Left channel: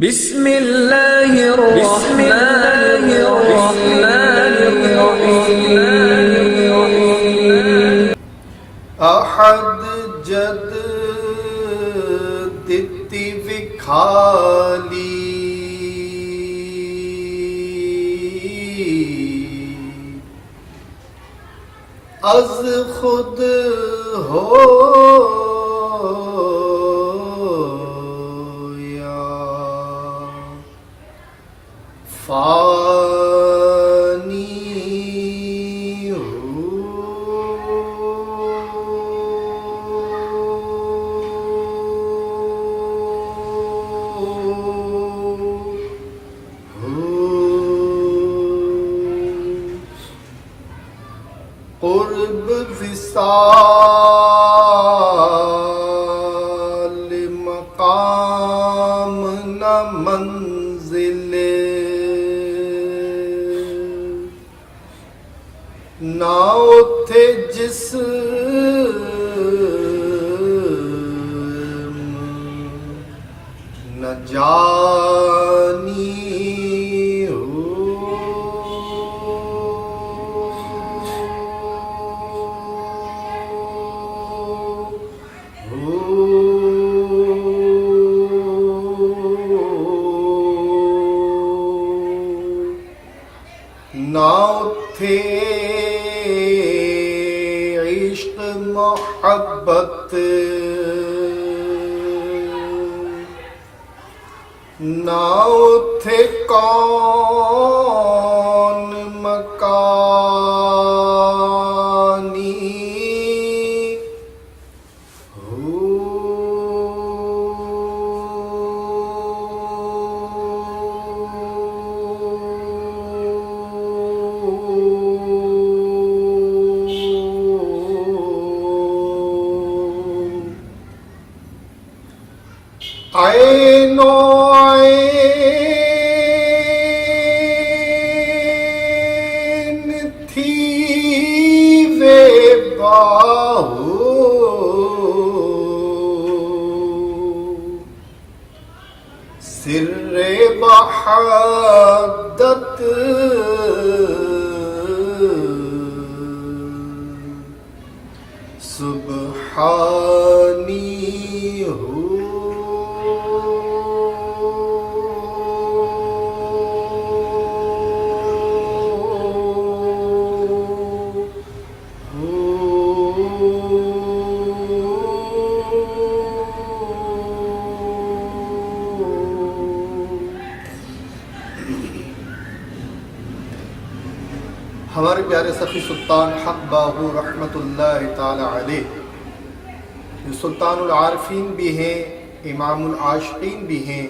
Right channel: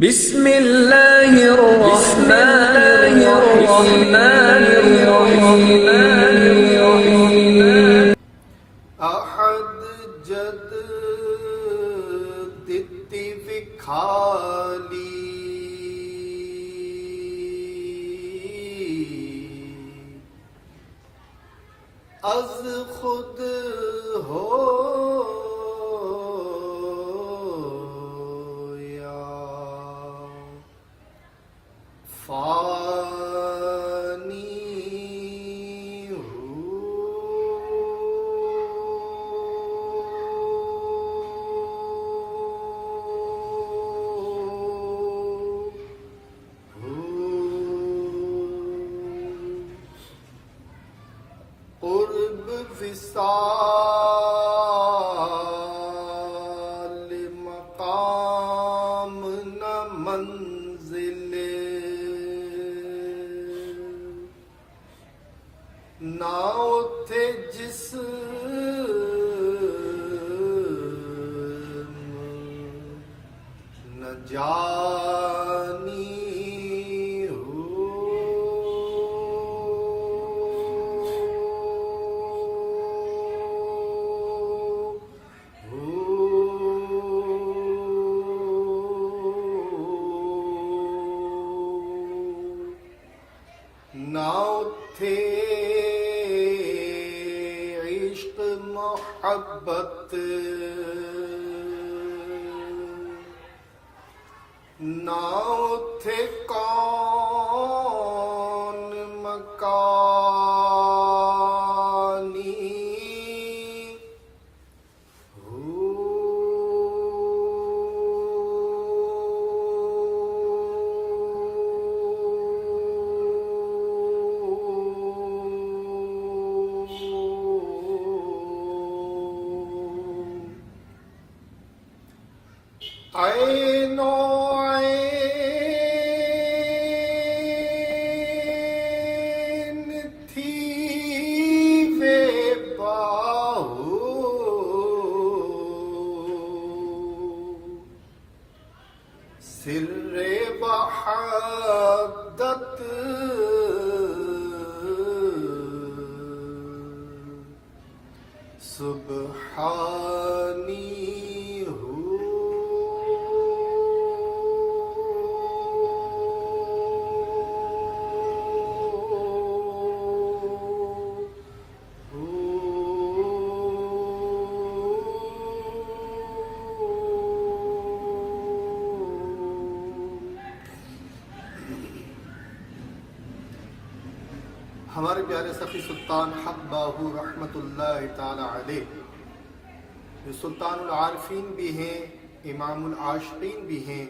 بسم اللہ الرحمن الرحیم احد جد دتی وکھالی از خود ہو فانی قرب وصال مقام نہ منزل نہ اتھے جسم نہ جانی نہ اتھے عشق محبت نہ اتھے کون مکانی عین و عین تھی وے باہو سر وحدت سبحانی ہمارے پیارے سخی سلطان حق باہو رحمت اللہ تعالی علیہ جو سلطان العارفین بھی ہیں، امام العاشقین بھی ہیں،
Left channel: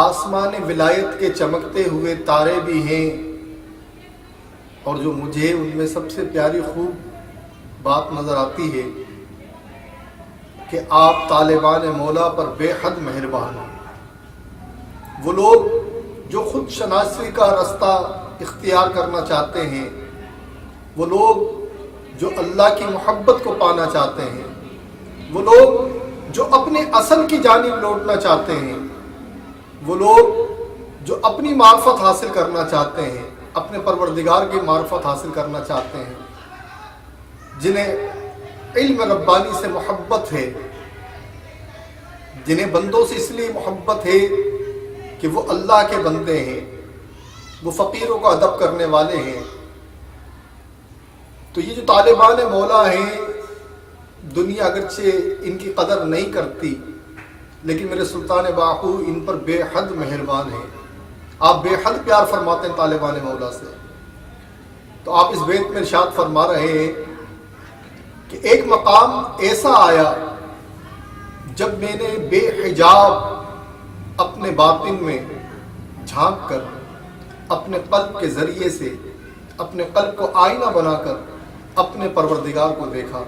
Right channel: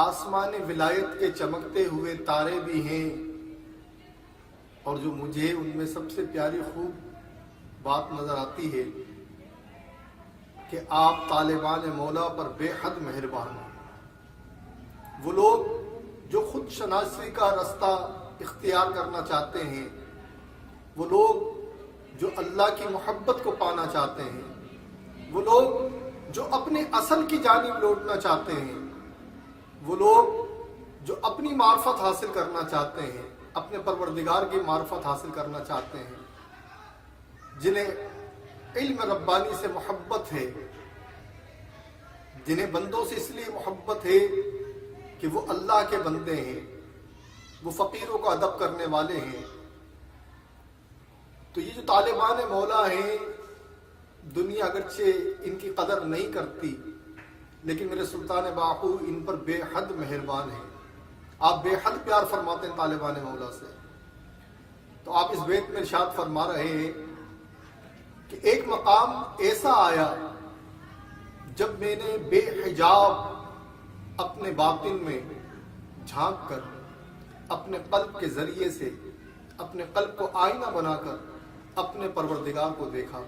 آسمان ولایت کے چمکتے ہوئے تارے بھی ہیں، اور جو مجھے ان میں سب سے پیاری خوب بات نظر آتی ہے کہ آپ طالبان مولا پر بے حد مہربان ہیں۔ وہ لوگ جو خود شناسی کا رستہ اختیار کرنا چاہتے ہیں، وہ لوگ جو اللہ کی محبت کو پانا چاہتے ہیں، وہ لوگ جو اپنے اصل کی جانب لوٹنا چاہتے ہیں، وہ لوگ جو اپنی معرفت حاصل کرنا چاہتے ہیں، اپنے پروردگار کی معرفت حاصل کرنا چاہتے ہیں، جنہیں علم ربانی سے محبت ہے، جنہیں بندوں سے اس لیے محبت ہے کہ وہ اللہ کے بندے ہیں، وہ فقیروں کا ادب کرنے والے ہیں۔ تو یہ جو طالبان مولا ہیں، دنیا اگرچہ ان کی قدر نہیں کرتی، لیکن میرے سلطان باہو ان پر بے حد مہربان ہیں۔ آپ بے حد پیار فرماتے ہیں طالبان مولا سے۔ تو آپ اس بیت میں ارشاد فرما رہے ہیں کہ ایک مقام ایسا آیا جب میں نے بے حجاب اپنے باطن میں جھانک کر اپنے قلب کے ذریعے سے اپنے قلب کو آئینہ بنا کر اپنے پروردگار کو دیکھا۔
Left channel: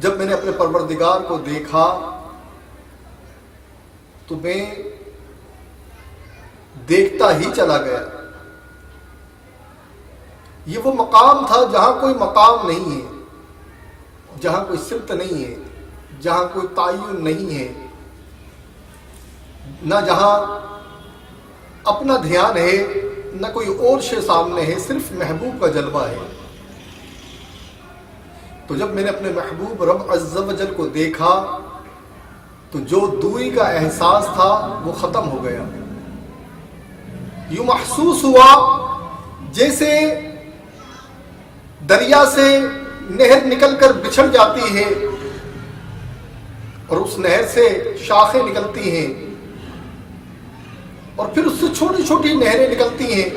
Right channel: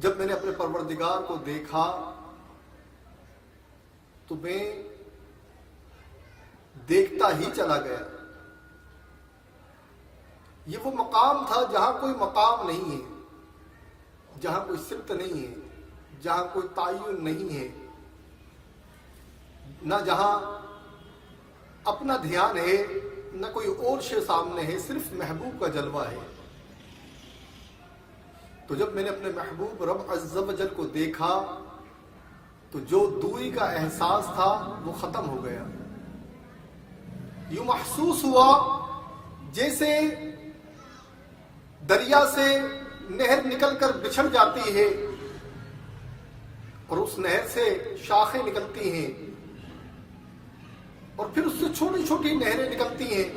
جب میں نے اپنے پروردگار کو دیکھا تو میں دیکھتا ہی چلا گیا۔ یہ وہ مقام تھا جہاں کوئی مقام نہیں ہے، جہاں کوئی صفت نہیں ہے، جہاں کوئی تعین نہیں ہے، نہ جہاں اپنا دھیان ہے نہ کوئی اور شے سامنے ہے، صرف محبوب کا جلوہ ہے۔ تو جب میں نے اپنے محبوب رب عز و جل کو دیکھا تو جو دوری کا احساس تھا وہ ختم ہو گیا۔ یوں محسوس ہوا جیسے دریا سے نہر نکل کر بچھڑ جاتی ہے اور اس نہر سے شاخیں نکلتی ہیں اور پھر اس سے چھوٹی چھوٹی نہریں نکلتی ہیں،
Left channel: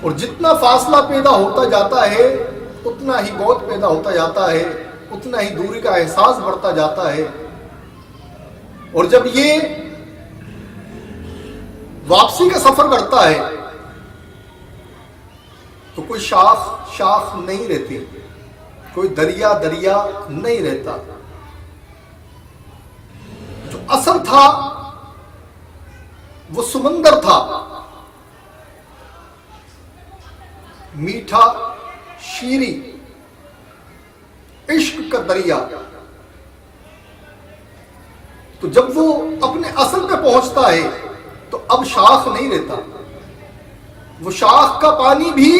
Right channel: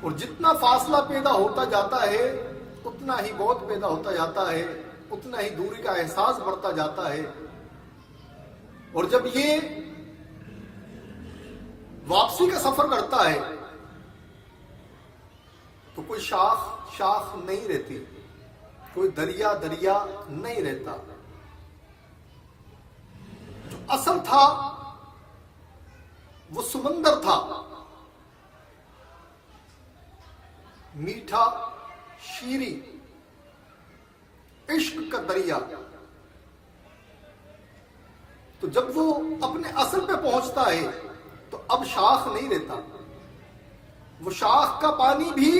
اور جتنا فاصلہ پیدا ہوتا جاتا ہے اتنا ہی بہت پیدا ہوتا جاتا ہے، اتنا ہی دوری کا احساس بڑھتا جاتا ہے۔ اور جب یہ واپسی کا سفر کرتا ہے تو کوئی شاخ نہیں رہتی، کوئی دریا نہیں رہتا۔ جو اصل تھا وہ سمندر تھا، میٹھا شیریں عشق کا دریا۔ تو جب وہ اپنے اصل پہ پہنچتا ہے تو اب شاخ نہیں رہتا، وہ شاخ کا پانی بھی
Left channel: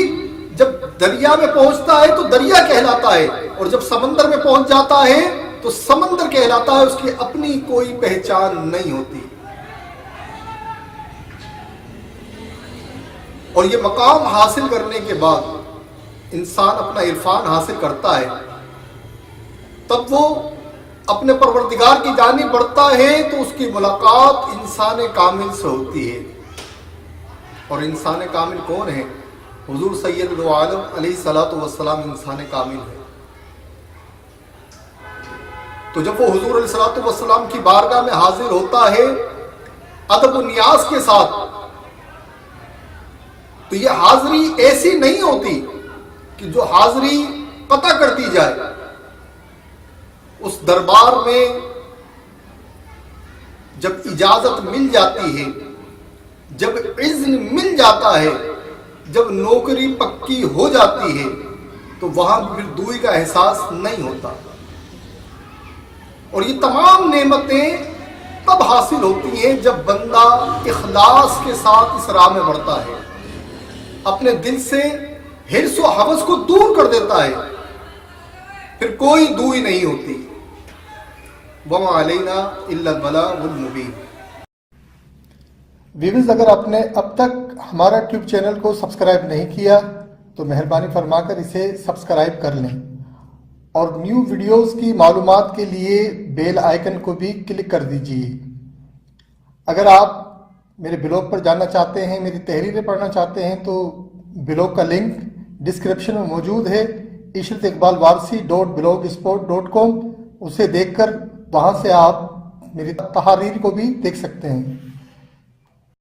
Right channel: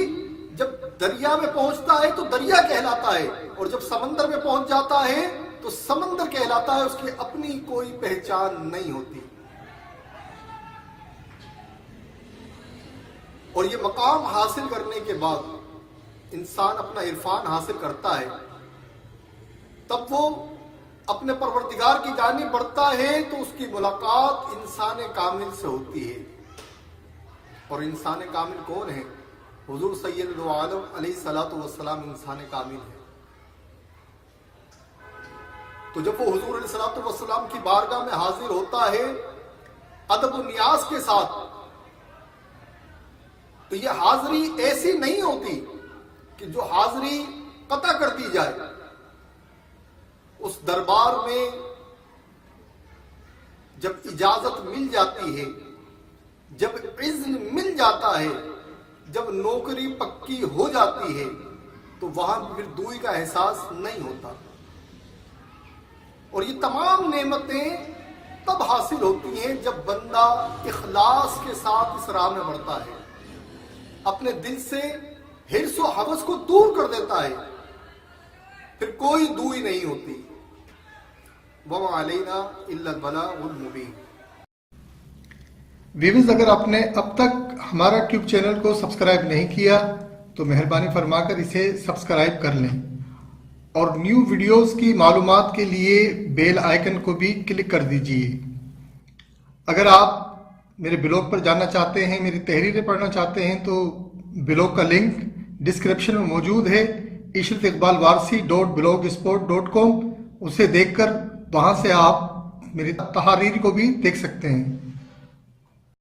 جب دریا میں پہنچتا ہے تو دریا کہلاتا ہے، اور جب سمندر میں پہنچ جاتا ہے تو سمندر کہلاتا ہے، اس کی اپنی کوئی پہچان نہیں ہوتی۔ اور یہ مقام حاصل کرنے کے بعد انسان اپنا عرفان حاصل کرتا ہے، تب وہ اپنے پروردگار کی جانب بڑھتا ہے تو اس کی ملاقات انسان کامل سے ہوتی ہے۔ اور انسان کامل کون ہے؟ حضور سید دو عالم علیہ الصلوۃ والسلام انسان کامل ہے۔ تو جب وہ حضور علیہ الصلوۃ والسلام کی بارگاہ میں حاضر ہوتا ہے ادب و نیاز کے ساتھ، تو یہ حاضری ایسی نہیں ہوتی کہ جو حاضری قطع کر دی جائے۔ اس دربار میں جب اجازت مل جاتی ہے، جب اذن مل جاتا ہے، جب نوکری پکی ہو جاتی ہے، تو وہاں پھر دوری کا احساس نہیں ہوتا۔ اور یہ تمام نعمتیں تب حاصل ہوتی ہیں جب بندہ اخلاص کے ساتھ اس راہ میں بڑھتا ہے، اپنے دل سے حرص و ہوس کو دور کر دیتا ہے، پھر کوئی دوری نہیں ہوتی۔ وَمَا عَلَيْنَا إِلَّا الْبَلَاغُ الْمُبِينُ۔ ویورز، اگر آپ نے اب تک ہمارا ٹیوب چینل کو سبسکرائب نہیں کیا تو مہربانی فرما کر اسے سبسکرائب کر لیں، اور نیو ویڈیوز کی معلومات کے لیے بیل آئیکن کو بھی کلک کر دیجئے۔ اگر آپ میرے بلاگ پر جاننا چاہتے ہیں، میری تحریریں پڑھنا چاہتے ہیں، تو بلاگ کا لنک ڈسکرپشن میں موجود ہے، ishrateqbalwarsi.blogspot.com۔ اسے دیکھ کر وہاں سے آپ میری تحاریر کو بھی دیکھ سکتے ہیں۔